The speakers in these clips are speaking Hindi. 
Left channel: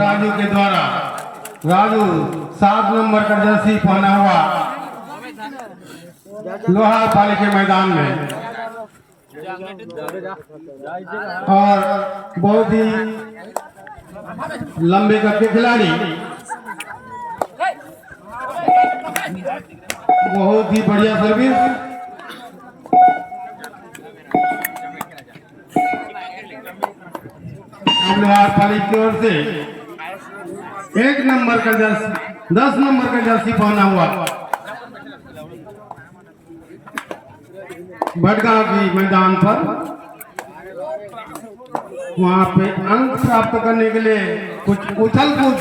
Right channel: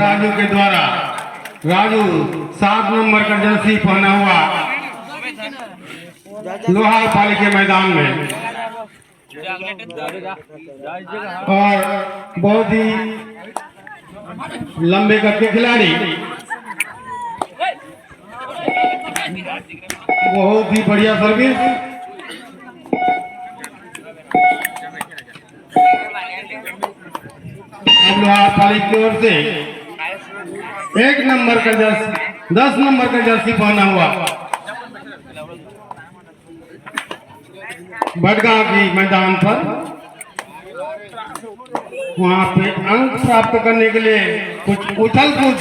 राजू के द्वारा राजू 7 नंबर का जर्सी पहना हुआ लोहार पाली के मैदान में और बहुत ही लंबे कद के खिलाड़ी, बहुत ही बढ़िया सर्विस। लोहार पाली की ओर से 1 नंबर का जर्सी 10 नंबर का जर्सी पहना हुआ भटगांव की मैदान पर वहां पे अंक प्राप्त करने के लिए कुछ उछल कूद,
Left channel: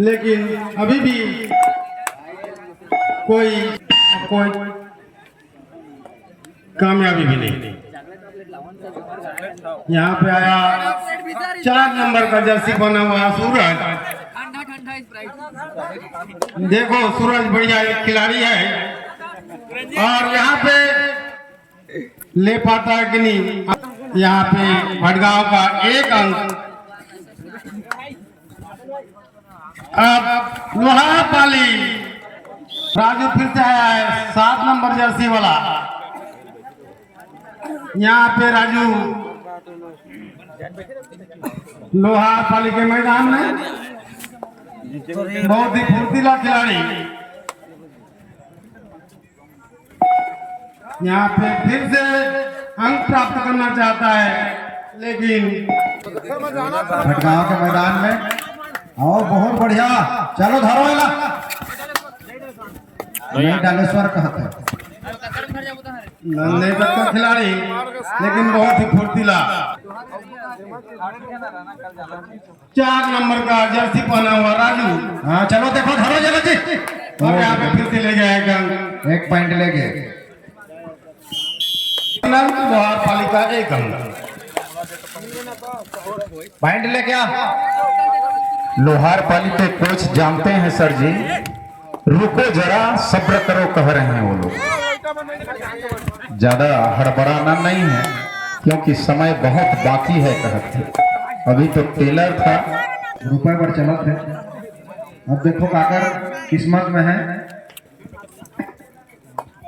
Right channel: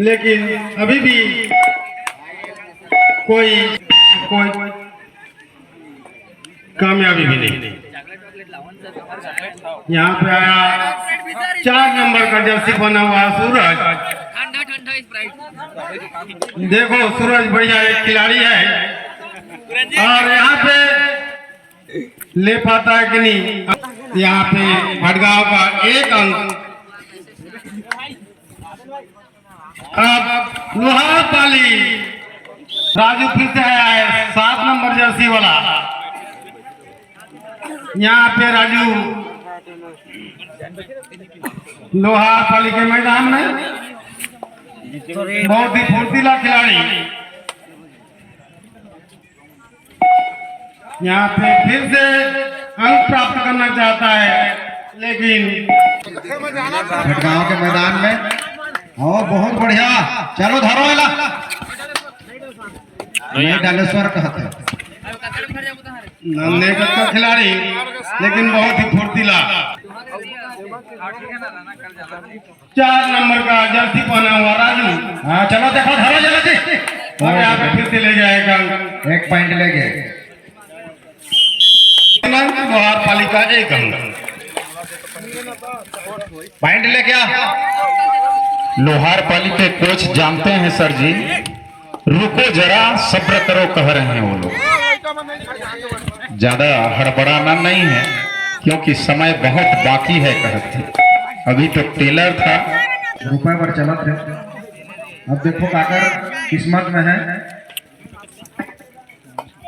लेकिन अभी भी कोई कामयाबी भी नहीं। यहाँ पे आया 4 नंबर का जर्सी बना हुआ सूरज। देखो सूरज बढ़िया एक खिलाड़ी है और यहाँ पे ले पाता है कि नहीं। यहाँ पे भटगांव का 1 अंक। अब लोहार पाली राजू फिर से आया है 7 नंबर जर्सी वाला। यहाँ पे राजू लोहार पाली के मैदान में बहुत ही फुर्तीला खिलाड़ी। यहाँ पे फिर से अंक प्राप्त करना चाहता है, लेकिन भटगांव के मैदान में और बहुत बढ़िया। चलो धरो डालेश्वर कहते नंदे का खिलाड़ी, लेकिन बहुत ही फुर्तीला। 4 नंबर का जर्सी पहना हुआ राजू। हाँ चलो देखो धरो जल्दी। और यहाँ पे फिर से ले जाएगा 1 पॉइंट ले गए। लोहार पाली का 1 अंक। पॉइंट ले गया। लोहार पाली के कोच जानते हैं सर जी, रुको जरा सब्र करो कह रहे हैं वो लोग। ज्यादा हड़बड़ाना नहीं है क्योंकि समय बहुत बाकी है कहते। अभी तो टेलर था, रुपए पर चला थे। अब देखो काकर किस्मत में है।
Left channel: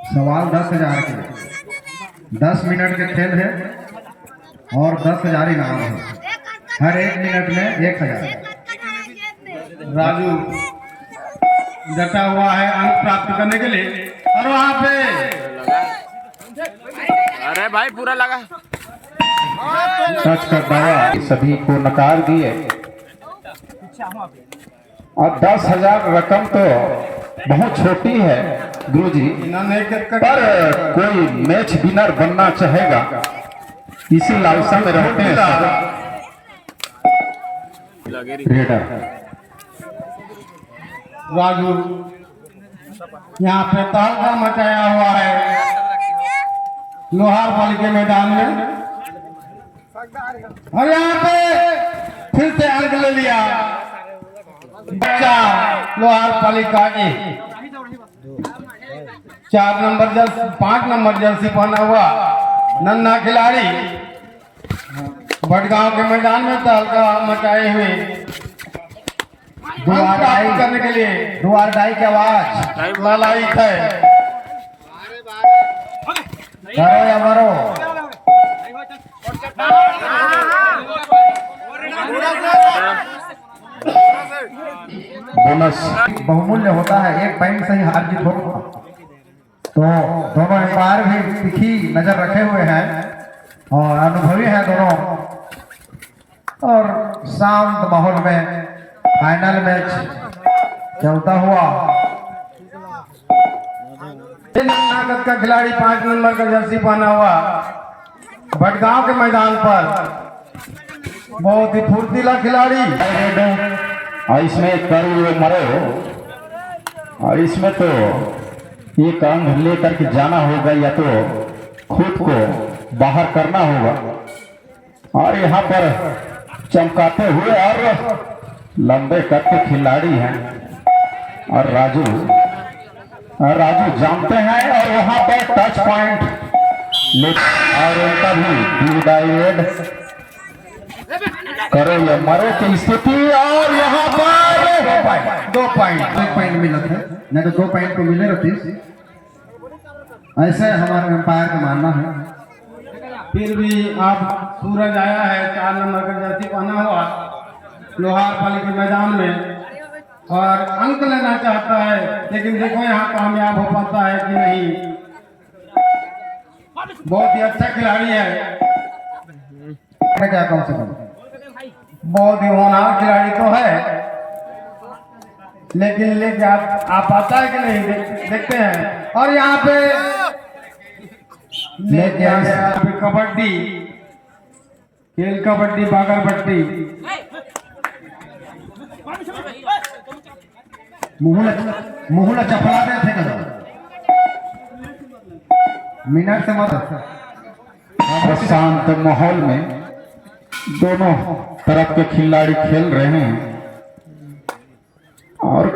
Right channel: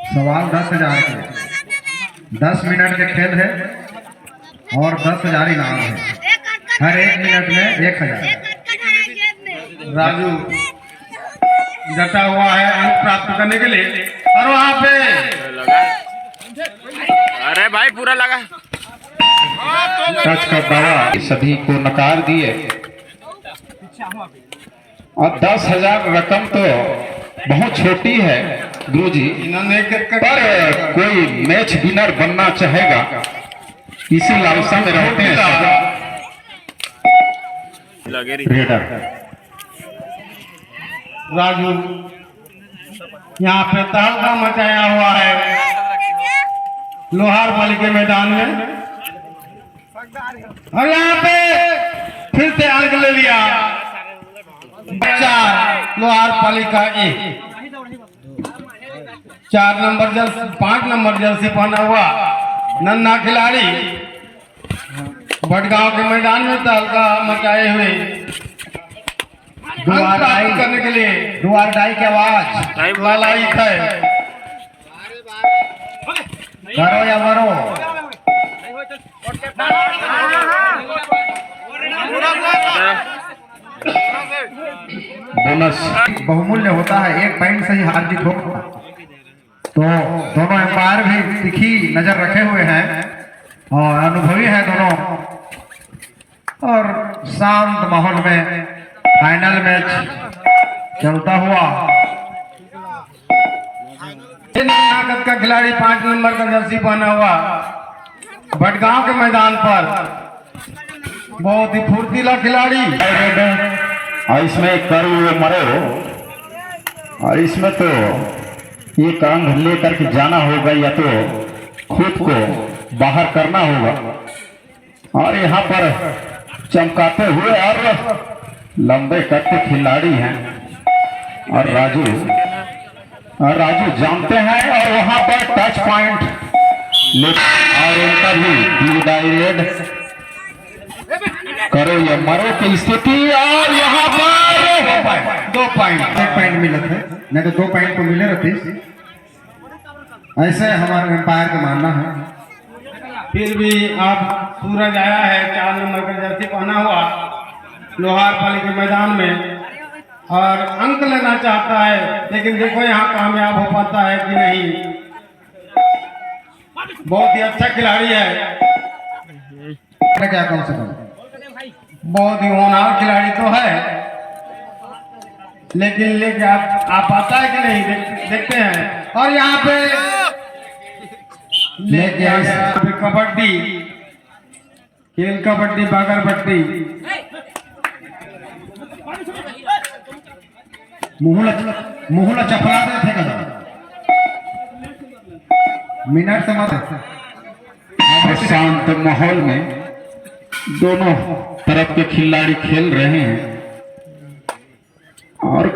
सवाल 10,000 के 10 मिनट के खेल है और 10,000 इनाम है। हर 1 मिनट में 1,000। राजू डटा हुआ है अंक प्राप्त करने के लिए और वहां पे अरे भाई पूरा लगा टच का दावा सभी को नकार दिए। और 10,000 रकम तो बहुत छोटी है गुरुजी, पर कोई मैच विनर बनना चाहेगा इसी लालसा में रहते हैं रेडर। राजू यहाँ पे तहलका मचाया हुआ है लोहार पाली के मैदान में और यहाँ पे फिर से अंक ले लिया। 4 लोहार पाली का 1। 4 नंबर जर्सी 5 नंबर जर्सी पहना हुआ नन्हा खिलाड़ी भटगांव के मैदान में तहलका मचाए हुए करने के लिए दुआर डाई की आवाज ललायित है। करो या मरो। बोनस बहुमूल्य होता है। 1 पॉइंट से ही हार जीत हो। तो दोनों एम्पायर भी तिखी नजर रखे हुए हैं और अनुभवी है दोनों। और शांत माहौल में फाइनल मैच चलता हुआ। का खिलाड़ी 5 नंबर का जर्सी पहना हुआ भटगांव के मैदान पर बहुत ही फुर्तीला खिलाड़ी। और इसमें करो मरो, और इसमें तो ये काम लेकर के जाना होगा या तो खुद को बाहर करना होगा। और यहाँ पर चमकाते हुए और लंबे कद के खिलाड़ी हैं और राजू जानते हैं। और वहां पर टच पॉइंट और उनका भी डायरेक्ट करो या मरो की स्थिति। और यहाँ दो पॉइंट एक पॉइंट मिला थे, नहीं तो 2 पॉइंट तो मिले रहते। ऐसे हमारे एम्पायर का मानना है। फिर भी आप सूरज आया है 4 नंबर का जर्सी पहना हुआ लोहार पाली के मैदान में और अंक लेना चाहता है, लेकिन देखो यहाँ कामयाब हो पाता है कि नहीं। बहुत ही अच्छा खिलाड़ी है, क्या कौन सा कम? बहुत ही होनहार खिलाड़ी तो है, लेकिन लेके आप आता है कि नहीं देखते हैं। और यहाँ पे लेके यहाँ पे कबड्डी खेल, कबड्डी बागर बट्टी, मुहला चपला दे थे कदा मिनट से मत। शांत माहौल में दोनों तरफ के खिलाड़ी खेल रहे हैं और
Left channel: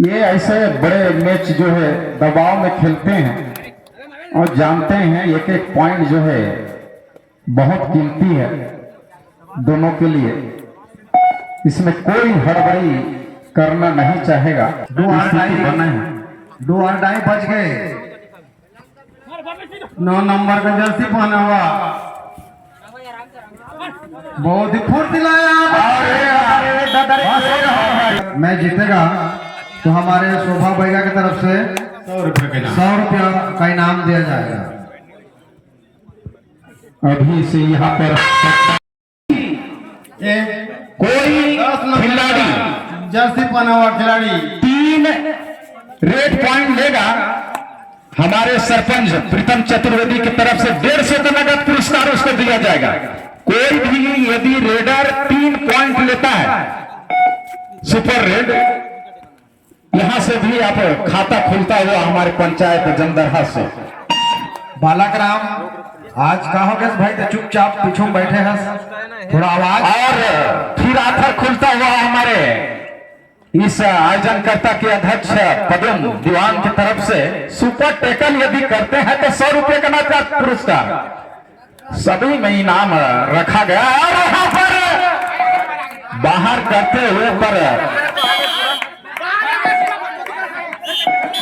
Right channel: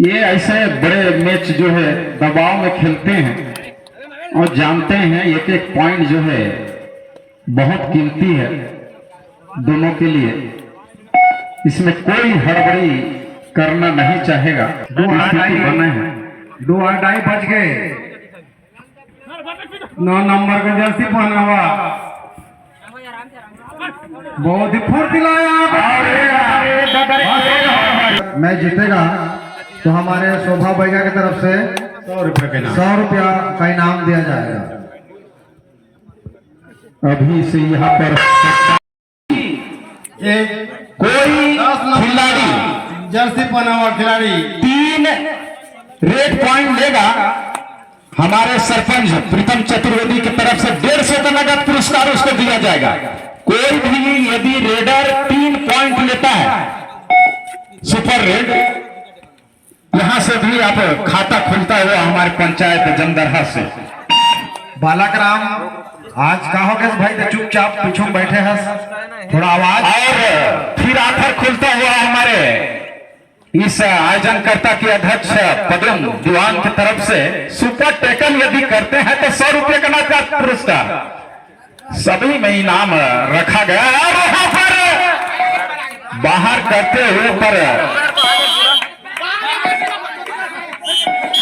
ये ऐसे बड़े मैच जो है दबाव में खेलते हैं और जानते हैं एक एक पॉइंट जो है बहुत कीमती है दोनों के लिए। इसमें कोई हड़बड़ी करना नहीं चाहेगा। 2 अढ़ाई बज गए। 9 नंबर का जर्सी पहना हुआ बहुत ही फुर्तीला मैच जीतेगा तो हमारे शोभा बैगा की तरफ से 100 रुपये के 100 रुपया का इनाम दिया जाएगा। अभी से यहाँ पर एक कोई 10 नंबर खिलाड़ी जर्सी पहना हुआ खिलाड़ी 3 रेड पॉइंट लेगा। हमारे सरपंच प्रीतम चतुर्वेदी की तरफ से 150 का नगद पुरस्कार उसको दिया जाएगा। कोई भी यदि रेडर 3 पॉइंट लेता है सुपर रेड, यहां से भी आप खाता खुलता हुआ हमारे पंचायत जमदरहा से। बालक राम आज का हो गया भाई, तो चुपचाप पीछे में बैठे हैं, थोड़ा आवाज। और फिर आखिर खुलता हुआ हमारे इस आयोजनकर्ता के अध्यक्ष पदम दीवान की तरफ से सुपर टैकल यदि करते हैं तो 100 रुपये का नगद पुरस्कार सभी में इनाम रखा गया। और वहां पर बाहर करते हुए पर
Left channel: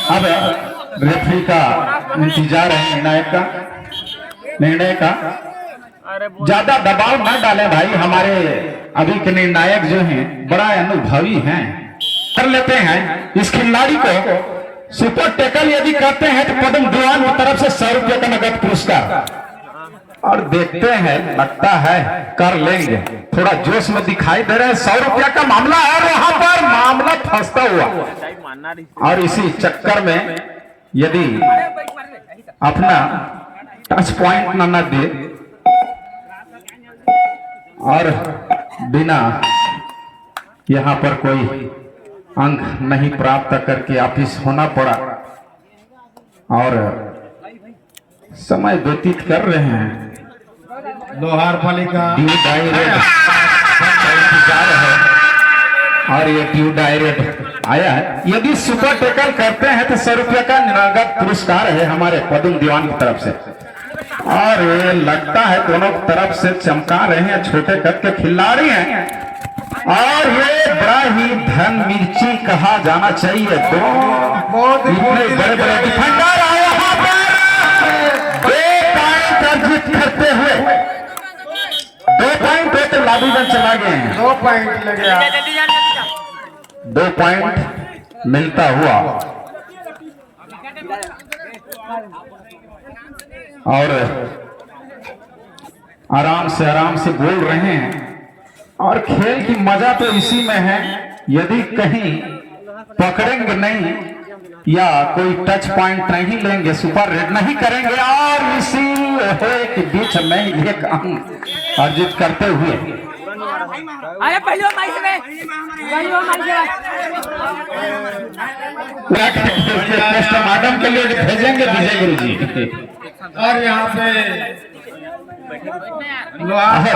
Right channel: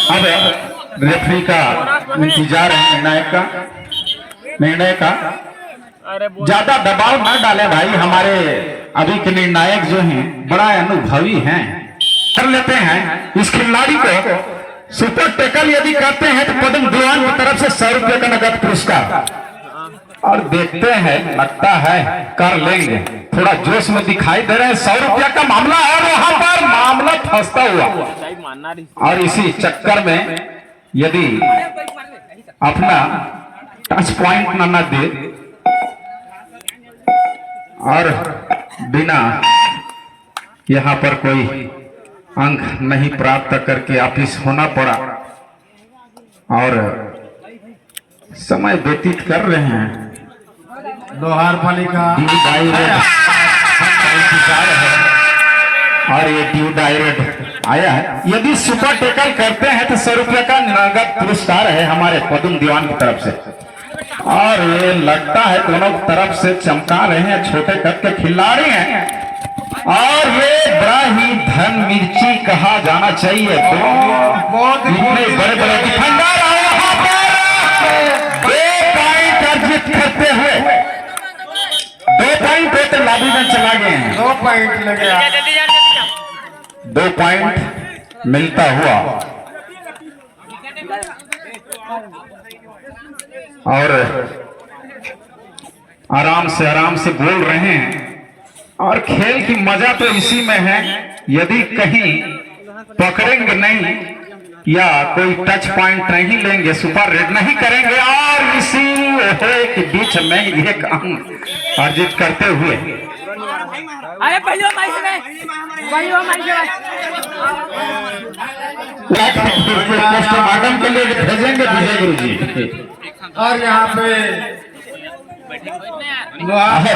अब रेफरी का इंतजार है, निर्णय का ज्यादा दबाव न डालें भाई। हमारे अभी के निर्णायक जो हैं बड़ा अनुभवी हैं, कर लेते हैं इस खिलाड़ी को। सुपर टैकल यदि करते हैं तो पदम दीवान की तरफ से 100 रुपये का नगद पुरस्कार। और देखते हैं, लगता है कर लेंगे, थोड़ा जोश में दिखाई दे रहे हैं। 100 रुपया का मामला है, वहां पर मामला फंसता हुआ और इसी चक्कर में यदि अपना टच पॉइंट न दे और बिना यहाँ पर कोई अंक नहीं प्राप्त करके वापिस होना पड़ा और समय व्यतीत कर रहे हैं। लोहार पाली का ड्यू डायरेक्ट है और ये ड्यू डायरेक्ट आया है। यदि सुपर टैकल करते हैं तो 100 रुपये का नगद पुरस्कार है हमारे पदम दीवान की तरफ से। और ये लगता है दोनों तरफ से चमका रहे हैं, छोटे कद के खिलाड़ी हैं और ये बड़ा ही धन मिर्ची कहा जाना चाहिए। बहुत इतने बड़े बड़े डिफेंडर आए हैं, 2 पॉइंट अर्जित करते हुए 2 पॉइंट है तो लाबी में चला गए हैं। 2 पॉइंट लगे 2 पॉइंट मिलता हुआ और आराम से बोल रहे हैं। और खेल की मजा तो इसी में है, यदि कहीं पकड़ेंगे नहीं या कोई टच पॉइंट नहीं लेंगे, सुपर रेड नहीं करेंगे और इसी के बीच में एक अंक अर्जित करते हुए पोस्टमार्टम के लिए भेजेंगे विजय गुरु जी। और यहाँ पे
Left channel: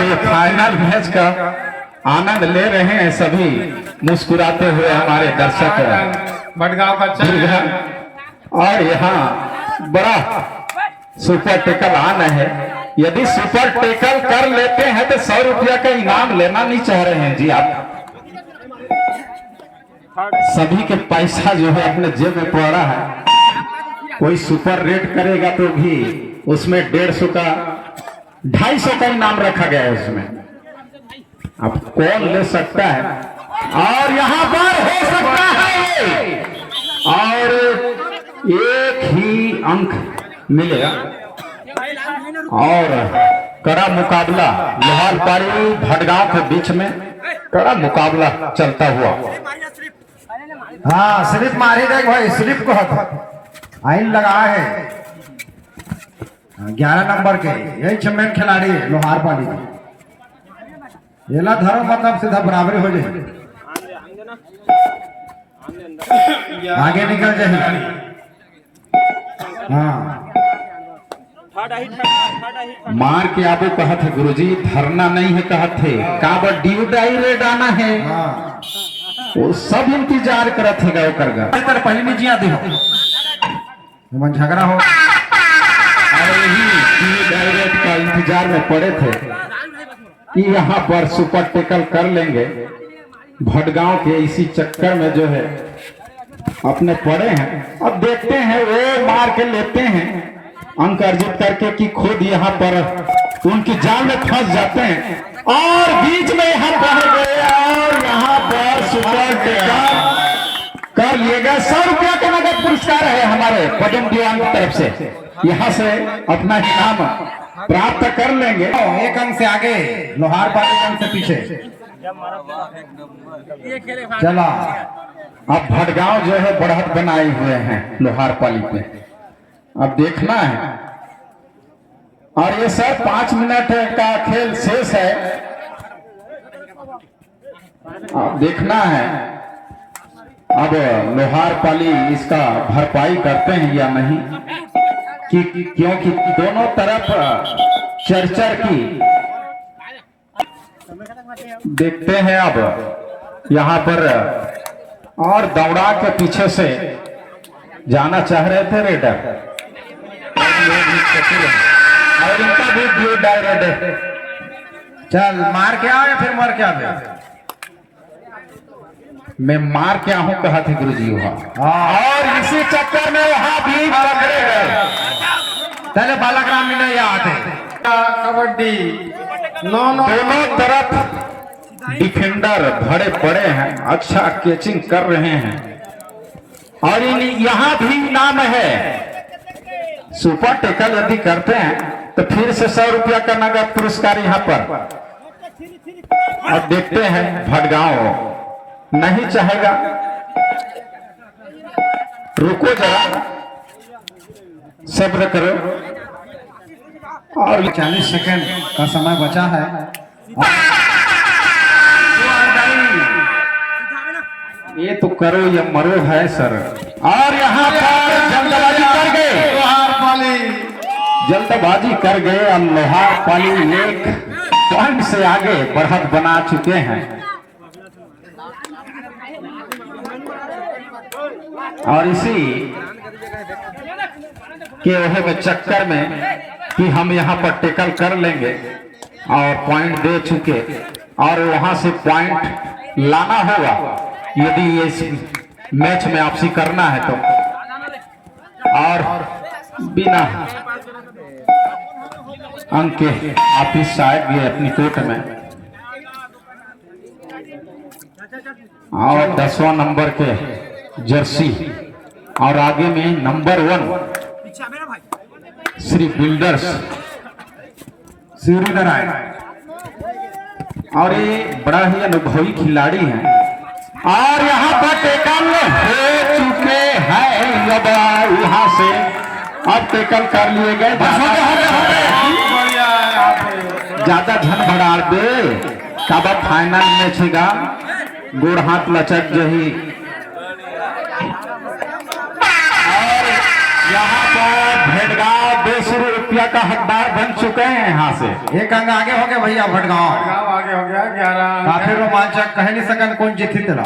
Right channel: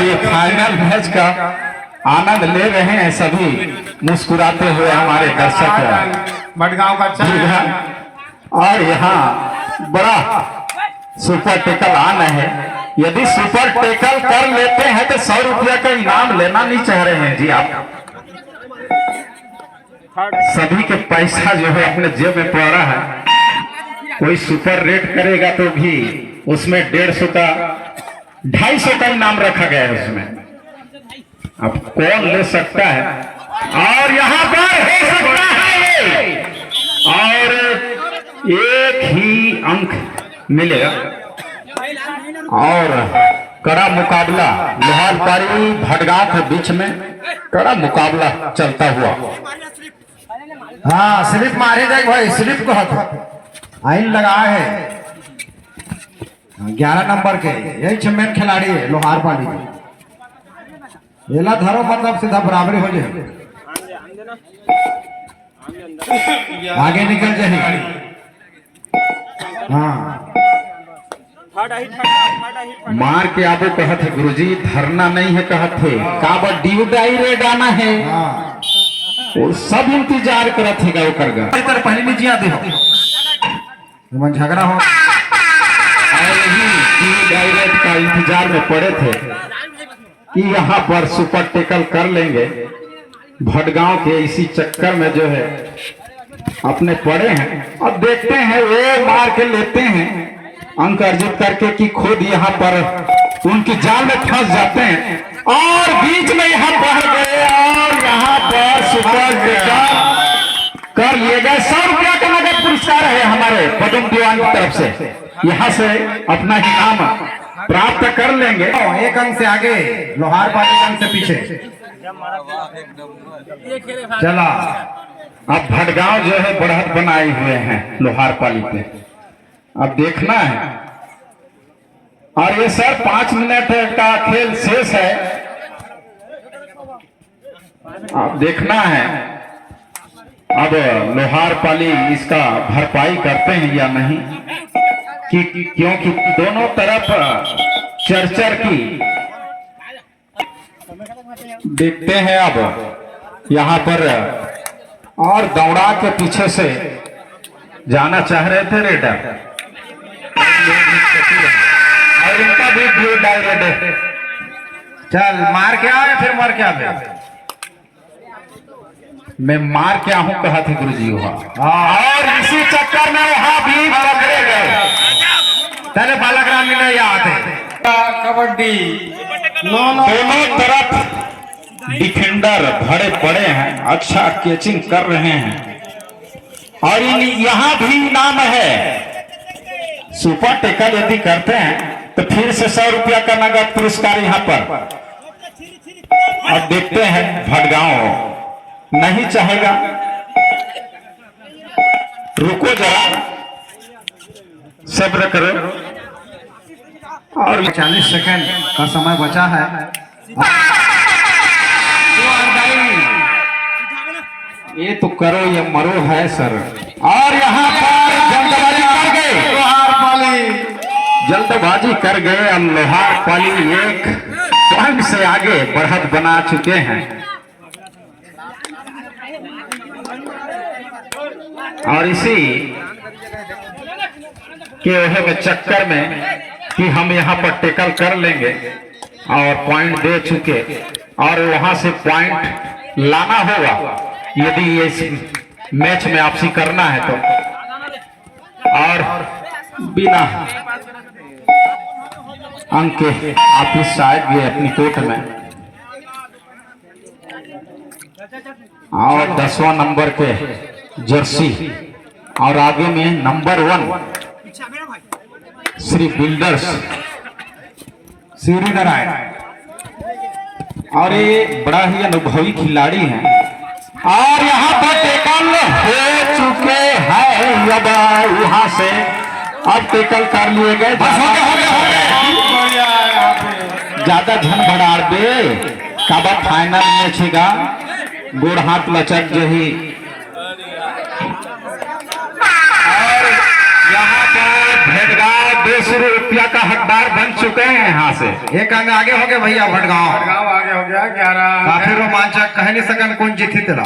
ये फाइनल मैच का आनंद ले रहे हैं सभी मुस्कुराते हुए हमारे दर्शक भटगांव का और यहाँ बड़ा सुपर टैकल आना है। यदि सुपर टैकल कर लेते हैं तो 100 रुपया का इनाम लेना नहीं चाह रहे हैं जी आप। सभी के पैसा जो है अपने जेब में पड़ा है। कोई सुपर रेट करेगा तो भी उसमें 150 का 250 का इनाम रखा गया है उसमें। अब कौन ले सकता है, और यहाँ पर हो सकता है ये, और एक ही अंक मिलेगा। और कड़ा मुकाबला लोहारपाली भटगांव के बीच में कड़ा मुकाबला चलता हुआ। हाँ स्लिप मारे जाए भाई, स्लिप तो था आइन लगा है 11 नंबर के, यही चैंपियन खिलाड़ी है लोहारपाली में। येला धरो मतलब सीधा बराबरी हो जाए, आगे निकल जाए। हाँ मार के आबो कहत है गुरुजी, धरना नहीं है कहत है, काबर ड्यू डायरेक्ट आना है। हाँ वो सब इंतजार करत है गौ कर गा तेरे पहले नहीं जिया दे मन झगड़ा हो। और यही ड्यू डायरेक्ट का इंतजार में पड़े थे कि यहाँ पर सुपर टेकल कर लेंगे। भटगांव के इसी चक्कर में जो है अपने पड़े हैं। अब देखते हैं वो मार के लेते हैं अंक अर्जित करके कि खुद यहाँ पर उनकी जाल में फंस जाते हैं, और बीच में यहाँ बढ़ गए और यहाँ पर सुपर टेकल कर लिए गए। 100 रुपया का नगद पुरस्कार है हमारे पदम दीवान की तरफ से। यहाँ से अपना इनाम प्राप्त कर लेंगे। एक अंक से आगे लोहारपाली अंक से पीछे चला। अब भटगांव जो है बढ़त बनाए हुए हैं लोहारपाली पे, अब देखना है। और ये सर 5 मिनट का खेल शेष है, अब देखना है अब लोहारपाली इसका भरपाई करते हैं या नहीं, क्योंकि दोनों तरफ चरचर की। देखते हैं अब यहाँ पर, और दौड़ा के पीछे से जाना चाह रहे थे रेडर, और उनका भी ड्यू डायरेक्ट है। चल मार के आ या फिर मर के आ। मैं मार के आऊं कहा थे गुरुजी वहां, और इसी चक्कर में वहां भी पकड़े गए। पहले बालाग्राम में नहीं आते। कबड्डी दोनों तरफ डिफेंडर भरे पड़े हैं, अच्छा कैचिंग कर रहे हैं। और यहाँ भी इनाम है, सुपर टेकल यदि करते हैं तो फिर से 100 रुपया का नगद पुरस्कार यहाँ पर। अब देखते हैं भटगांव नहीं चाहेगा, रुको जरा, सब्र करो। और 40 सेकंड का समय बचा है। ये तो करो ये मरो है सर। और यहाँ पर जल्दबाजी कर गए जल्दबाजी कर गए और लोहारपाली 1 पॉइंट से आगे बढ़त बना चुके हैं। और इसी के वह में चक्कर में कि हम यहाँ पर टेकल कर लेंगे और पॉइंट दे चुके, और वहां से पॉइंट लाना होगा यदि इस मैच में आपसी करना है तो। और बिना अंक के ऑफिस शायद गए अपनी कोर्ट में, और 10वां नंबर के जर्सी, और आगे में नंबर 1 श्री बिल्डर्स सीढ़ी बनाए। और ये बड़ा ही अनुभवी खिलाड़ी हैं। और यहाँ पर टेकल हो चुके हैं, यहाँ से अब टेकल कर लिए गए। ज्यादा झनझनाड़ दे कब फाइनल में छेगा, गोड़ हाथ लचक जही। और यहाँ पर भटगांव 200 रुपया का हकदार बन चुके हैं। यहाँ से एक अंग आगे हो गया भैया भटगांव। गाँव आगे हो गया 11। काफी रोमांचक, कह नहीं सकन कौन जीती तेरा।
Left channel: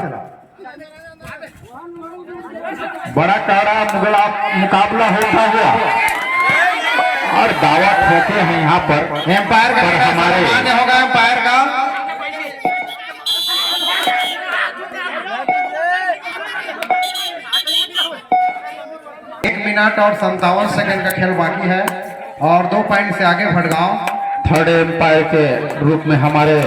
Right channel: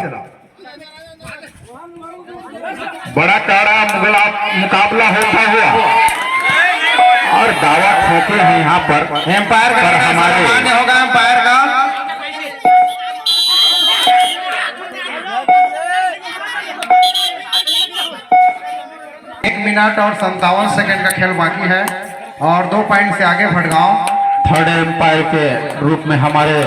बड़ा कड़ा मुकाबला होता हुआ, और दावा ठोके हैं यहाँ पर एम्पायर पर हमारे आगे होगा एम्पायर का। और 57 सेकंड का खेल बाकी है और 2 पॉइंट से आगे भड़गांव। थर्ड एम्पायर के रूप में हमारे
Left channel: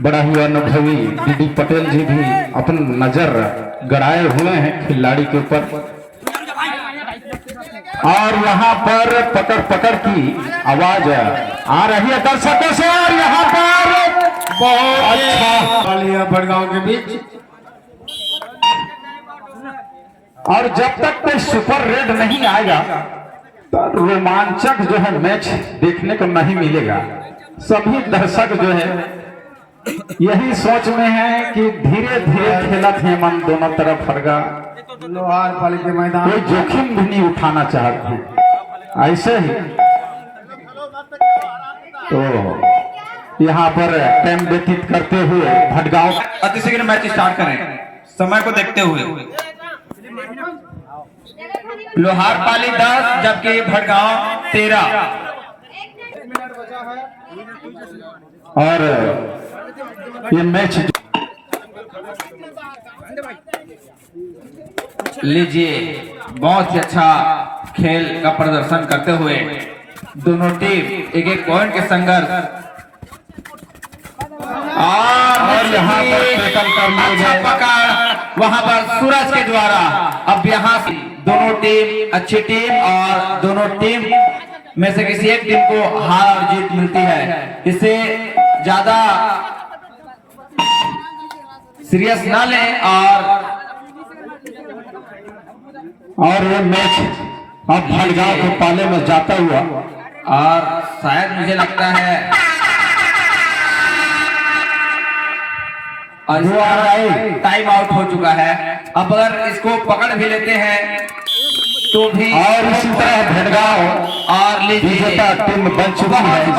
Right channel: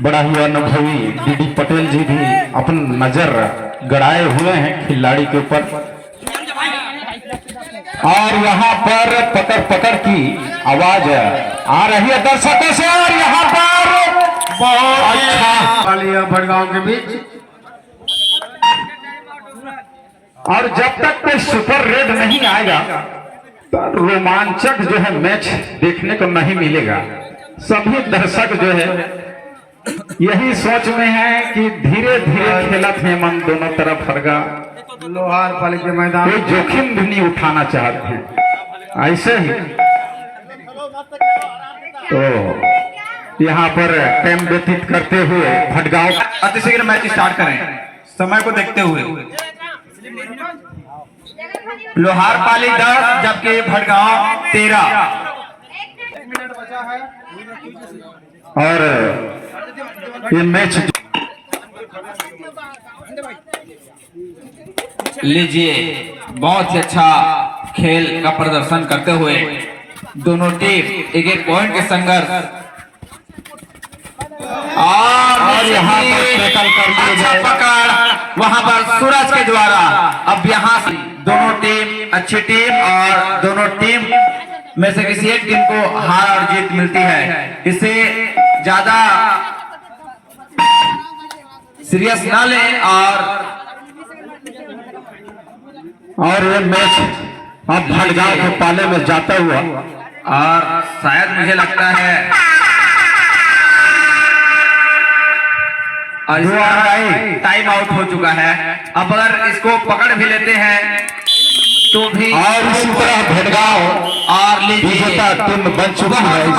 बड़ा ही अनुभवी डीडी पटेल जी भी अपनी नजर गड़ाए हुए हैं खिलाड़ी के ऊपर। और यहाँ पर पकड़ पकड़ की आवाज आ रही है दर्शकों से और यहाँ पर बहुत अच्छा वालिया भड़गांव के बीच। और जब तक कोई सुपर रेड नहीं आएगा तो रोमांचक जो है मैच देखने को नहीं मिलेगा। सभी दर्शक जो है यही सोच में है कि धीरे धीरे खेला थे मन दोनों तरफ हरगा, लोहार पाली के मैदान कोई जोखिम भी नहीं उठाना चाहते हैं। ऐसे ही तो यहाँ पर टाइम व्यतीत करते हुए भटगांव अति शीघ्र मैच स्टार्ट करें समय को देखते हुए। लोहार पाली 10 जबकि भटगांव 13। और ये मैच लीजिए बहुत ही अच्छा खेल का प्रदर्शन करते हुए दोनों टीम एक एक पॉइंट के संघर्ष और यहाँ पर टैकल कर लिए अच्छा गए। पकड़ वहां पर सूरज के द्वारा। अब यहाँ से दोनों टीम अच्छी टीम और दोनों टीम में से किसी एक टीम को हार और जीत मिलती है। इसे ज्यादा सीरियस ना लें और ये मैच अब भटगांव के पाले में जाता हुआ और शायद मुझे लगता है और टाइम आउट हो चुका है। अब अगर इसको पकड़ भी लेते हैं तो भी और इसी तरह भटगांव और विजेता टीम बन चुकी है इस